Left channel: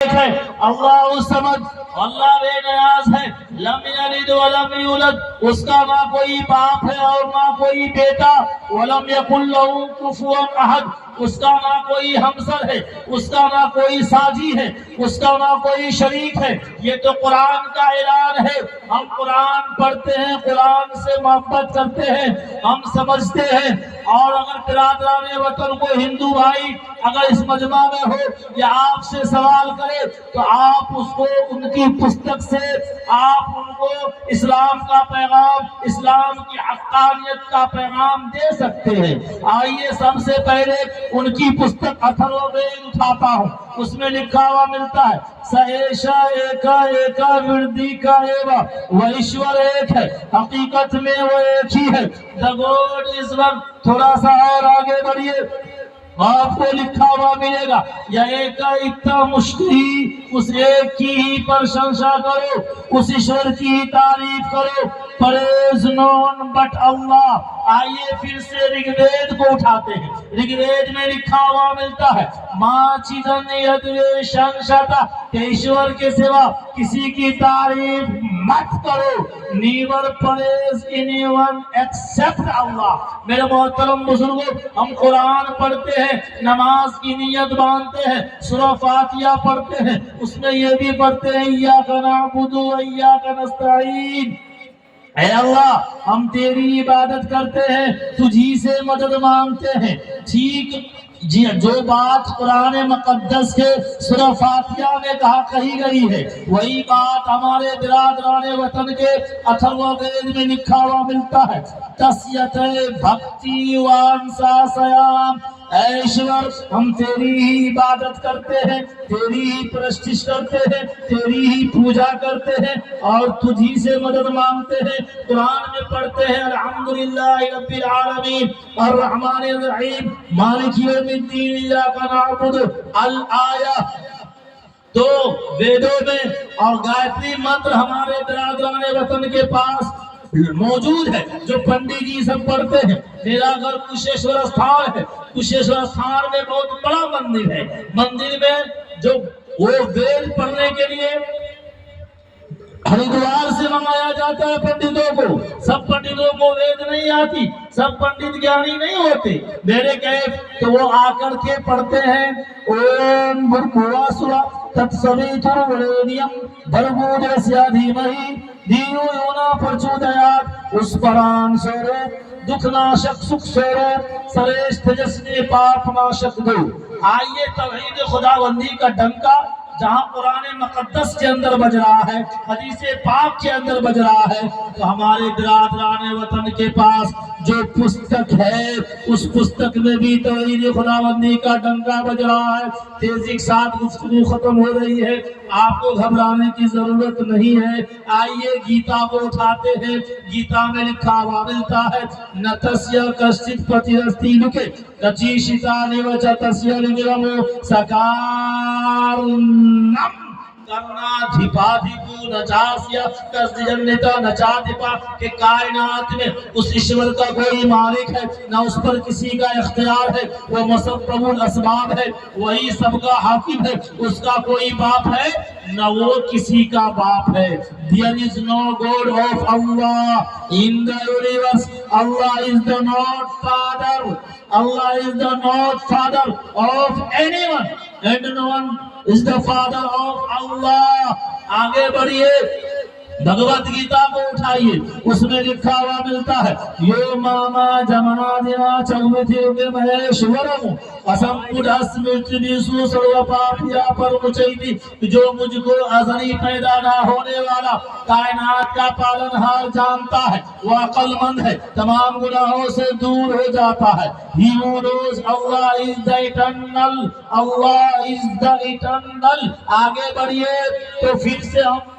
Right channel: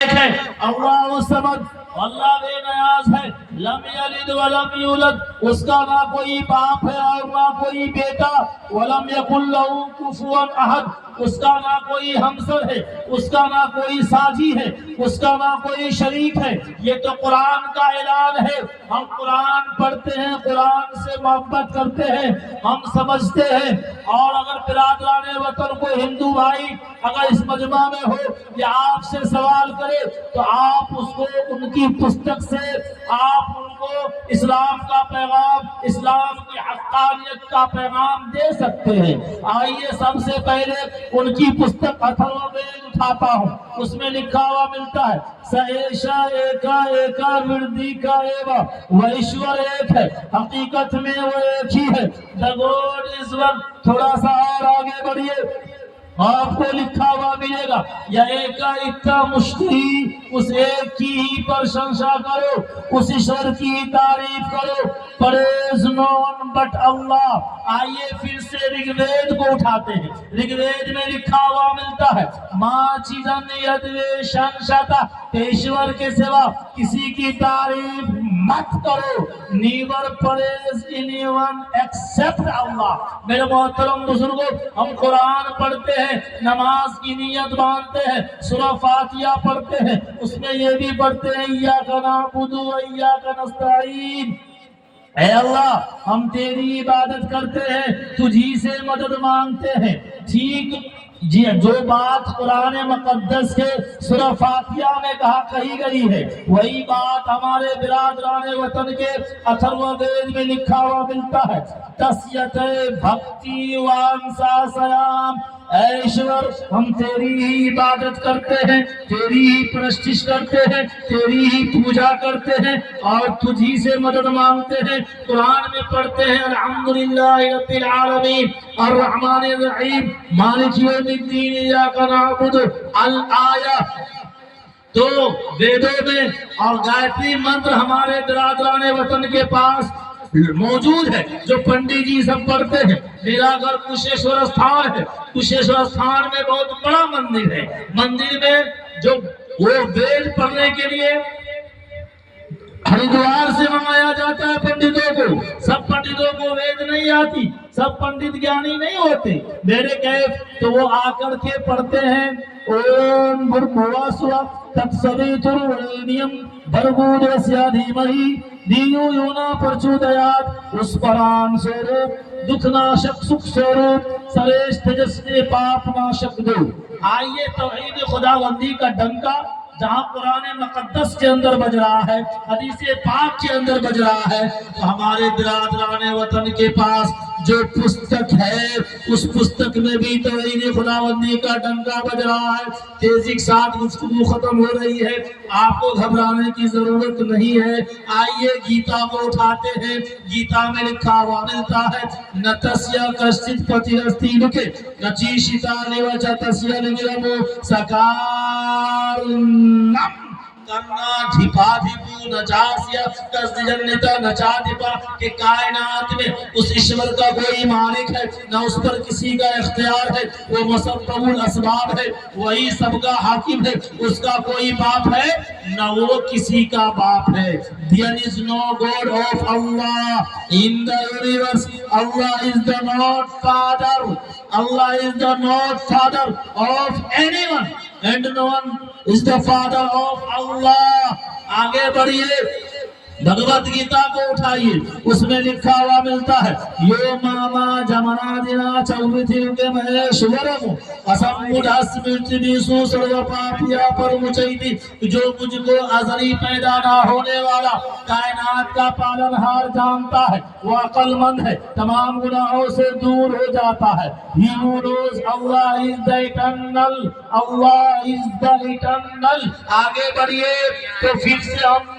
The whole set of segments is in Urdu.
ہے اللہ الصمد، اللہ بے نیاز ہے، لم یلد ولم یولد، اس کا نہ کوئی باپ ہے اور نہ کوئی بیٹا، ولم یکن لہ کفوا احد، اس کا نہ کوئی ہمسر ہے، اس کا نہ کوئی ساجی ہے، اس کا نہ کوئی شریک ہے۔ یہ تو قرآن کا اعلان ہے۔ ہم قرآن پڑھتے ہیں، قرآن سے محبت کرتے ہیں، ہم سمجھتے ہیں، اور اگر برادران وطن کو ہندو بھائی اگر اس مجمع میں ہو یا آپ سے سوال کرے تو آپ اس کو ان کی پستک سے آپ ان کو اسلام کا پیغام، اسلام کی حقانیت کا پیغام دے سکتے ہیں۔ آئیے سب سے پہلے ان کی پستک اتھرووید اٹھاتا ہوں، اس میں لکھا ہوا ملتا ہے س ایشا ایکا ایکا وردیکا ایوا، وہ ایشور ایک ہے، حقیقت میں وہ ایک ہی ہے۔ The God is one۔ تھوڑا سا اور آگے بڑھیے، آپ کو لکھا ہوا ملے گا یا ایکا اکا مشتری، اس ایک کی ہی پرشنسا کرو، اس ایشور کی ہی تعریف کرو۔ Praise no one but Allah۔ آئیے پھر سے رگ وید کو اٹھاتے ہیں۔ رگ وید میں لکھا ہوا ملتا ہے ماں چیدن یدویشن شتا، کہ ایشور کے سوا کسی کی تعریف مت کرو۔ Never praise anyone except Allah۔ میرے محترم بزرگوں، ہم قرآن پڑھتے ہیں، نماز کی نیت باندھتے ہیں، سورہ فاتحہ پڑھتے ہیں، اس میں یہ بھی پڑھتے ہیں ایاک نعبد و ایاک نستعین، اے اللہ ہم تیری عبادت کرتے ہیں، تجھی سے مدد مانگتے ہیں۔ ٹھیک جی، جو بات قرآن مقدس کے سورہ فاتحہ میں کہی گئی ہے، وہی بات ہمارے برادران وطن کے اتھرووید میں لکھا ہوا ملتا ہے۔ تسیت بھکتی وانسا سیام، اے ایشور ہم تیری ہی عبادت کرتے ہیں، تیری ہی پرستش کرتے ہیں، تیری ہی پوجا کرتے ہیں اور تجھی سے مدد مانگتے ہیں۔ قرآن میں پڑھتے ہیں الحمدللہ رب العالمین الرحمن الرحیم مالک یوم الدین ایاک نعبد الآیہ۔ تو ویدوں میں اور گایتری منتر ہمارے برادران وطن کے پاس موجود ہے، جو پنڈی جی سب پڑھتے ہیں۔ میرا گھر کشیشور استھان ہے، کشیشور استھان میں بہت بڑا مندر ہے۔ مندر میں جو وہ وید پڑھنے کے لیے ہریدوار سے منگایا جاتا ہے پنڈتوں کو۔ سب پنڈتوں کو وید نہیں آتی، سب پنڈت گیانی نہیں ہوتے۔ میرے کیف تو وہ آ کر کے پڑھتے ہیں اوم بھرگھوا سوا تتسویترورینیم بھرگو دیسیا دھیمہی دیو یونا پرچودیات، اس پران سوروپ دکھ ناشک سکھ سوروپ سریش تجسوی پاپ ناشک دو۔ آئیے توحید خداوندی کا ڈنکا جہاں قرآن مقدس کے اندر بج رہا ہے، حدیث پاک کے اندر بج رہا ہے، تو ہمارے برادران وطن کے پاس جو پستک ہے اس پستک میں بھی توحید خداوندی کا ڈنکا بج رہا ہے۔ تیزی کے ساتھ گفتگو ختم ہو رہی ہے، آپ کو گھبرانے کی ضرورت نہیں ہے۔ آئیے گیتا کو اٹھاتے ہیں۔ گیتا میں لکھا ہوا ملتا ہے نتسیا کشچت پتیرستی لکھے کچیشتا نیوچا تسیا نگرمو سکارنم کرنا دھپا دھپو نچاسیا کس جنتا نچا دھپا، کہ کائنات میں اس ایشور کا کوئی مالک ہے نہ اس پر کسی کا اختیار ہے، وہ مسبب الاسباب ہے، وہی سب کا حاکم ہے، اس کا کوئی باپ ہے نہ وہ کسی کا باپ ہے۔ There is no God of Allah in the universe۔ Allah is the not father، Allah is the not father of anyone and no one is the father of Allah۔ آگے بڑھیے، بھگوت گیتا کو اٹھائیے، اس میں لکھا ہوا ملتا ہے یو ماما جمنا دینا چوتھی کے مہیشورم اسم مدھس مرتنیسو سرو پاپیا پر مچیتی، جو مجھ کو ازلی پیدا نہ ہونے والا کائنات کا پالنہار جانتا ہے، وہ عقل مند ہے، تمام گناہوں سے دور ہو جاتا ہے۔ He who knows Allah is the eternal، Allah is the eternal۔ آگے بڑھیے تو پھر سے ہم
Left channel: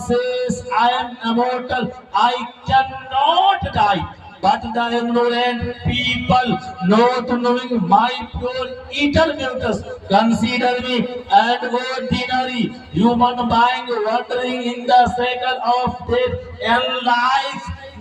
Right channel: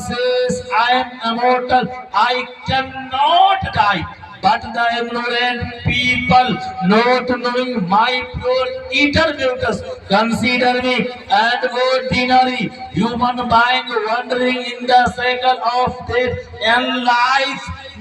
says I am immortal, I cannot die. But the ignorant people, not knowing my pure eternity, consider me an ordinary human being wandering in the circle of death and life.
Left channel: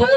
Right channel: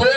2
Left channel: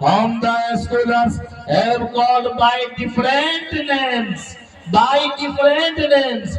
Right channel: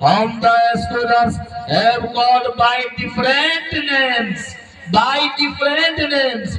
whom the scholars have called by different names, by different names।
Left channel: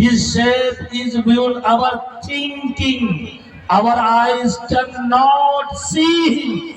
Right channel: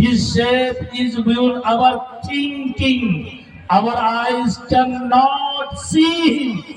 His shape is beyond our thinking, our eyes cannot see him।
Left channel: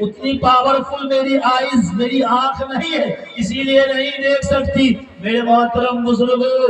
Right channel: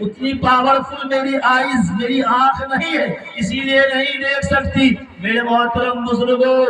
اتنی پاورفل میری آئیز، میری آنکھ نہیں ہے، اسی لیے نہیں دیکھ سکتی۔ میرے محترم بزرگوں،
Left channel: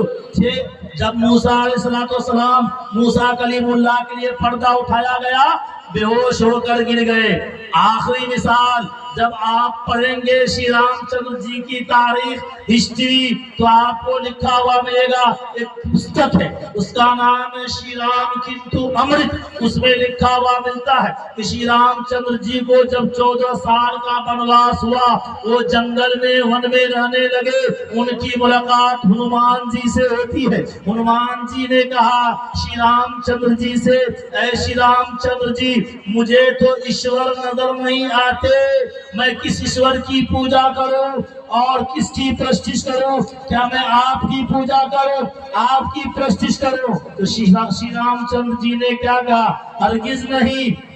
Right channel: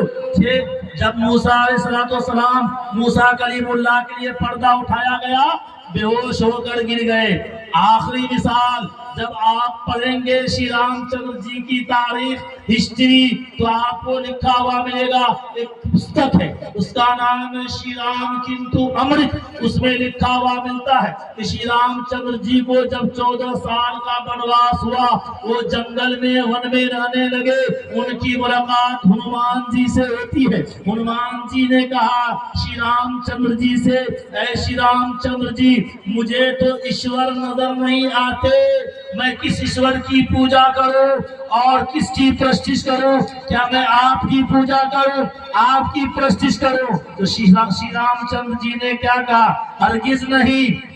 جب موسیٰ علیہ السلام، موسیٰ کلیم اللہ کے لیے پردہ اٹھایا گیا، بے ہوش ہو کر گر گئے۔ آخری مثال، جب آپ پڑھیں گے شری رام چندر جی کی تاریخ، ہسٹری، تو آپ کو لکھا ہوا ملے گا، ایک پستک ہے، اس کا نام ہے شری رام کنتو امرت۔ اس میں لکھا ہوا ملتا ہے کہ شری رام چندر جی کو جب 14 سال کا بنواس ہوا، وہ جنگل میں ون میں رہنے لگے، ان کی ملاقات ہنومان جی سے ہوتی ہے۔ ہنومان جی نے کہا شری رام چندر جی سے، اے شری رام چندر جی، مجھے تو ایشور نظر نہیں آتے، میں کس ایشور کی پوجا کروں اور کس کی پرستش کروں؟ کیا میں آپ کی پوجا کروں، آپ کی پرستش کروں؟ تو شری رام چندر جی نے کیا کہا؟ ہرگز نہیں،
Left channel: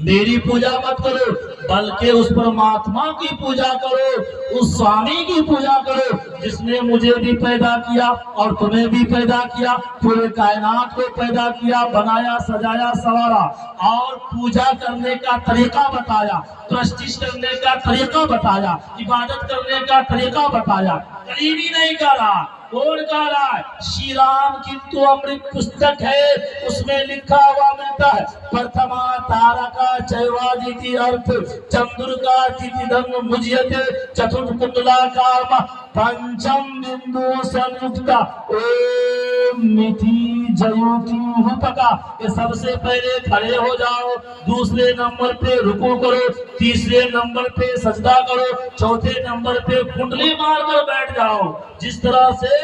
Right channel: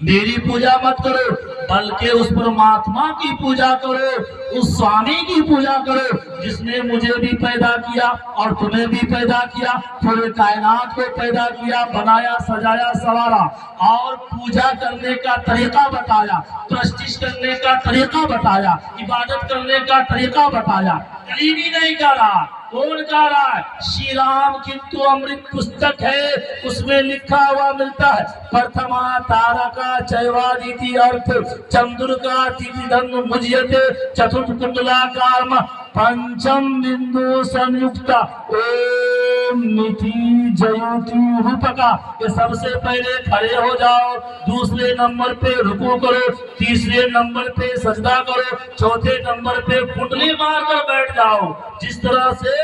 میری پوجا مت کرو، بلکہ اس پرماتما کی پوجا کرو، اس سوامی کی پوجا کرو جس نے مجھے بھی پیدا کیا اور تمہیں بھی پیدا کیا، پورے کائنات کو پیدا کیا، بنایا، سجایا، سوارا، اور پوجا کرنے کا طریقہ بتایا، پرستش کرنے کا طریقہ بتایا، عبادت کرنے کا طریقہ بتایا۔ کلیمی نہیں کہہ رہا، کون کہہ رہا ہے؟ شری رام کنتو امرت پستک ہے، اس میں لکھا ہوا ملتا ہے، پرتھما تارکا چیوادیتی ارتھ چندرکا تیتی دھن مجیتے چترتھ کنڈلا کارم پنچم بندو سنیکتا اوم نیتی جیوتی روپکا۔ یہ سب سے پہلے کھڑے ہو جاؤ، دوسرے نمبر پہ رکوع کرو، تیسرے نمبر پہ سجدہ کرو، چوتھے نمبر پہ کنڈلی مار کر بیٹھ جاؤ۔ جس طرح سے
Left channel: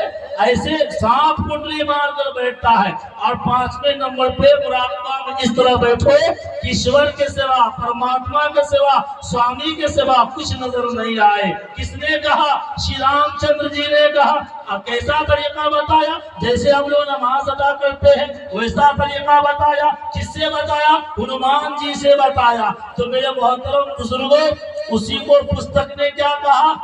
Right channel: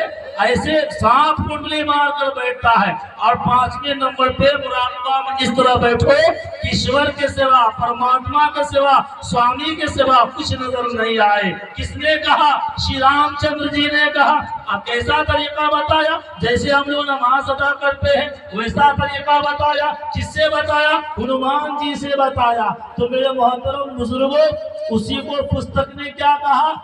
ایسے سانپ کنڈلی مار کر بیٹھتا ہے، اور 5ویں نمبر پہ مراقبہ میں اس طرح بیٹھو کہ ایشور کے سوا، پرماتما کے سوا، سوامی کے سوا کچھ نظر نہیں آئے۔ کس نے کہا؟ شری رام چندر جی نے کہا۔ اب کیسا طریقہ بتایا؟ جیسے ہم لوگ نماز ادا کرتے ہیں ویسا طریقہ بتایا۔ کس سے بتایا؟ ہنومان جی سے بتایا۔ تو میرے محترم بزرگوں، اسی کو پستک نے کیا کہا؟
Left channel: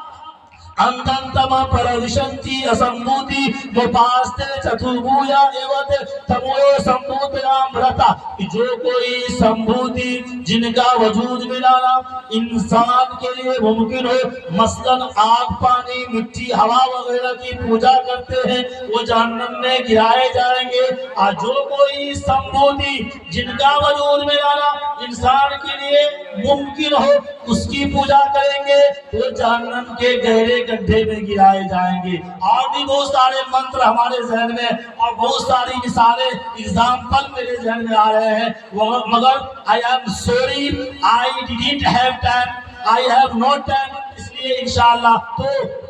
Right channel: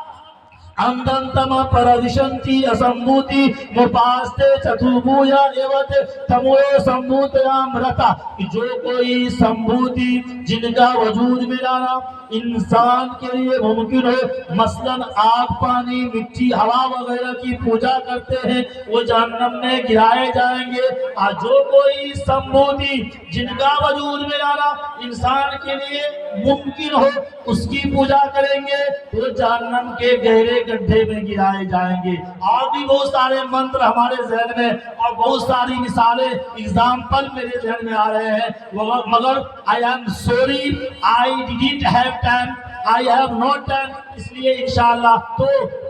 اندنتم پردشنتی اسمبھوتی مپاستے چتوبھویا ایوتے تموے سمبھوتیام رتا۔ جو کوئی سمبھوتی، جن کا وجود ملانا انسان کے لیے ممکن ہو، مثلاً آگ، پانی، مٹی، ہوا وغیرہ کی پوجا کرتے ہیں، وہ جہنم میں گرائے جائیں گے۔ اور جو کوئی سمبھوتی، جن کا وجود ملانا انسان کے لیے ممکن ہو، اس کی پوجا کریں گے، وہ جہنم کے گہرے گڈھے میں گرائے جائیں گے۔ اور بھی بہت سارے منتر ہمارے ذہن میں اور بہت ساری مثالیں، ایگزامپل میرے ذہن میں آ رہے ہیں، مگر I am sorry I didn't have time, I have no time، اس لیے انشاءاللہ تو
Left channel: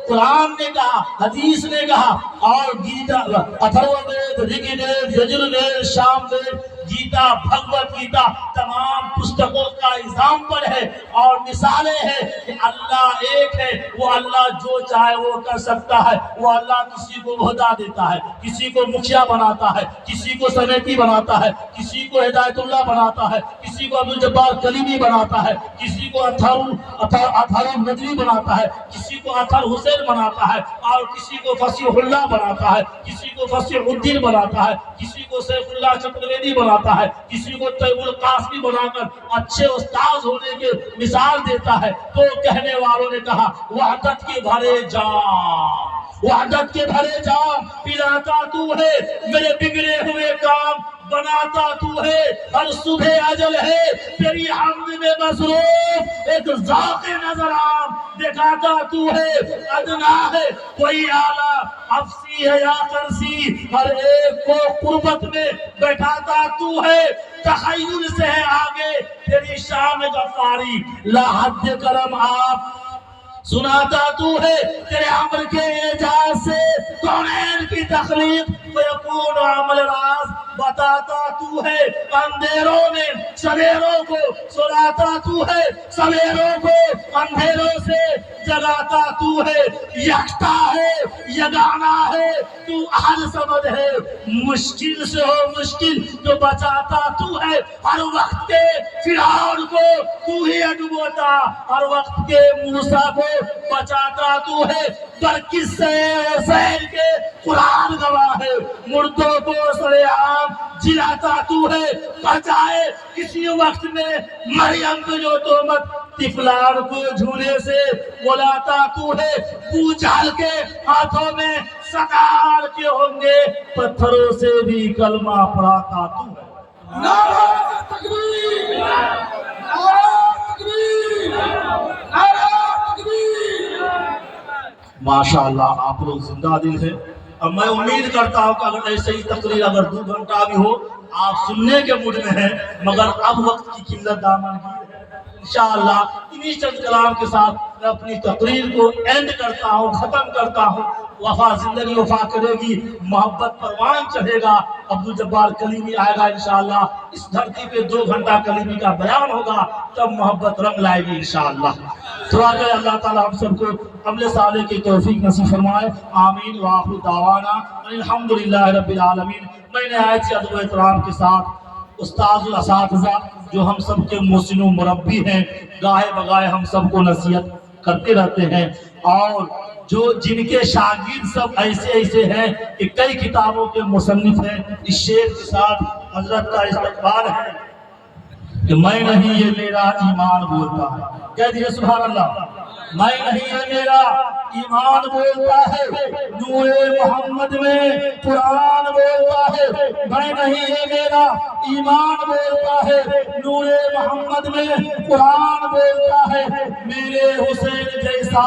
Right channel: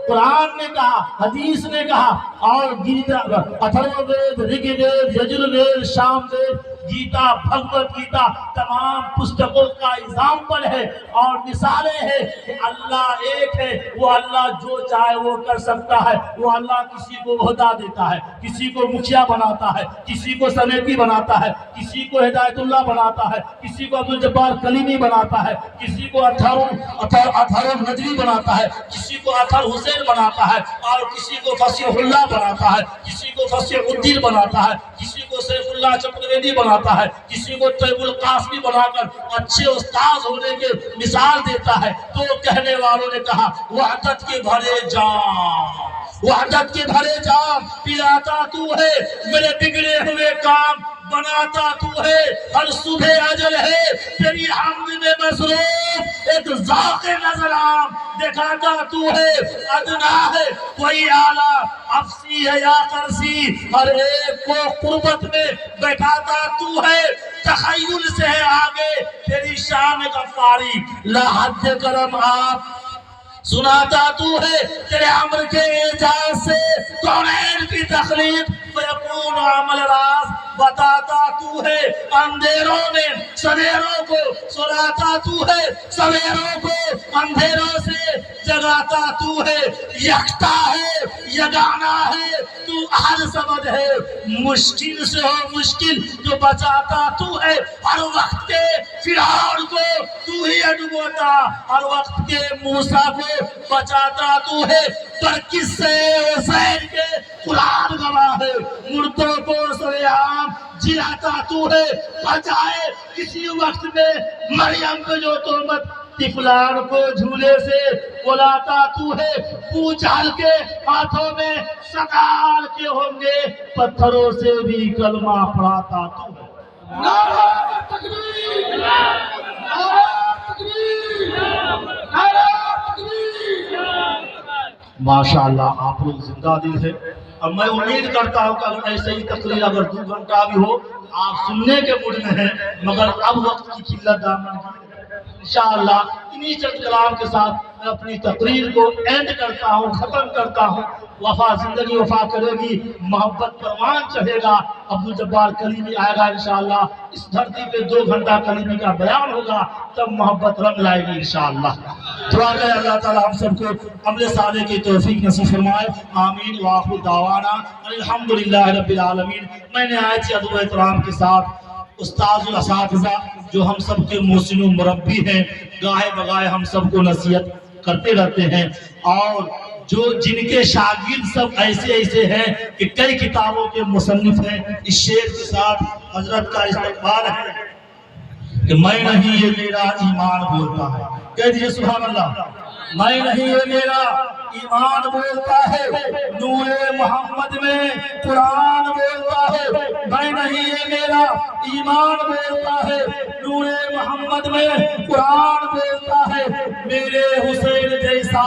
قرآن نے کہا، حدیث نے کہا، اور گیتا، اتھرو وید، رگ وید، یجر وید، شام وید، گیتا، بھگوت گیتا، تمام پستکوں کا ایگزامپل ہے اور مثالیں ہیں کہ اللہ ایک ہے، وہ اللہ جو چاہے وہ کر سکتا ہے۔ وہ اللہ کسی کو عہدہ دیتا ہے، کسی کو مکھیا بناتا ہے، کسی کو سمیتی بناتا ہے، کسی کو ہدایت اللہ بناتا ہے، کسی کو عبدالجبار کلیمی بناتا ہے، کسی کو اطہر نجوی بناتا ہے، کسی کو اطہر حسین بناتا ہے، اور کسی کو فصیح اللہ بناتا ہے، کسی کو فصیح الدین بناتا ہے، کسی کو سیف اللہ چترویدی بناتا ہے، کسی کو طیب القاسمی بنا کر اچھے استاذ ہونے کے مثال دیتا ہے۔ تو کہنے والوں نے کہا، وحدت کے بھرے جام، وحدت کے بھرے جام پلاتا تو ہے، میرے بگڑے ہوئے کام بناتا تو ہے، ہر صبح اجل ہے تیری حمد میں مصروف، ایک ذوق نظر عام دکھاتا تو ہے، ادنا ہے کوئی اعلیٰ، افسی ہے یا کرسی، ہر ایک کو قربت میں بیٹھاتا تو ہے، تخیل سے ہے آگے تیری شان غفاری، لا حد کرم آپ سناتا تو ہے، تیرے عمر کے اعجاز سے کونین کی تخلیق ویکون عمل راز بتاتا تو ہے، اندھیروں میں سویروں کو سلاتا تو ہے، سویروں کو اندھیروں سے جگاتا تو ہے، یکتا ہے، یگانا ہے، تو احد صمد ہے، مشکل سے ہو مشکل جو بچاتا تو ہے، ہر وقت کے فرعون کو تو ہی ڈبوتا، ہر وقت کے موسیٰ کو بچاتا تو ہے، برکس سے حسین کے قرآن گواہ ہے، مردوں کو سرے عام جلاتا تو ہے، پر جائے کسی وقت میں مریم کو جو تہمت طفلان کو جھولے سے بلاتا تو ہے، ابو جہل کے ہاتھوں میں سگال کے ہوں گے، پتھروں سے بھی کلمہ پڑھاتا تو ہے۔ نعرہ تکبیر، نعرہ تکبیر، نعرہ تکبیر۔ ماشاءاللہ آپ لوگ زندہ دل ہے۔ اب میں امید کرتا ہوں کہ اگر ایسے ہی تقریر اگر 2 گھنٹہ بھی ہو آپ سننے کے موڈ میں ہیں، مگر اب وقت کی قلت دامن کی ہے۔ انشاءاللہ انہی چند کلام کے ساتھ میں اپنی تقریر کو اینڈ کرتا ہوں، ختم کرتا ہوں۔ وفا زندگی وفا کرے گی، محبت پروان چڑھے گا، ابو جبار کلیمی آئے گا انشاءاللہ، اس دھرتی پہ 2 گھنٹہ کلیمی کا بیان ہوگا، تب محبت رنگ لائے گی انشاءاللہ۔ دعا کرے اللہ تعالیٰ ہم سب کو عمل صالح کی توفیق نصیب فرمائے، آمین وآخر دعوانا الحمدللہ رب العالمین۔ میں نے آئے تھے ادب و احترام کے ساتھ استاذ الاساتذہ جو ہم سب کے محسن و مربی ہیں، گاہے بگاہے ہم سب کو نصیحت کرتے رہتے ہیں، اور جو جن کے شاگرد سب ایسے ہیں کہ کئی کتابوں کے مصنف ہیں۔ اس شعر کے ساتھ حضرت کا استقبال ہے کہ میں نہیں یہ میرا ایمان بولتا ہے، کہہ دیجئے سبحان اللہ۔ میں نہیں یہ میرا ایمان بولتا ہے، نور محمد میں قرآن بولتا ہے۔ میں نہیں یہ میرا ایمان بولتا ہے، نور محمد میں قرآن بولتا ہے۔ میرے حسین جیسا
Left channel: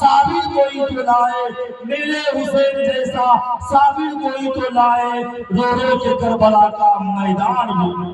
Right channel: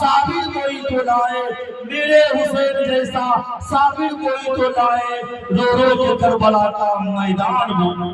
صابر کوئی تو لائے، میرے حسین جیسا صابر کوئی تو لائے، رو رو کے کربلا کا میدان بولو۔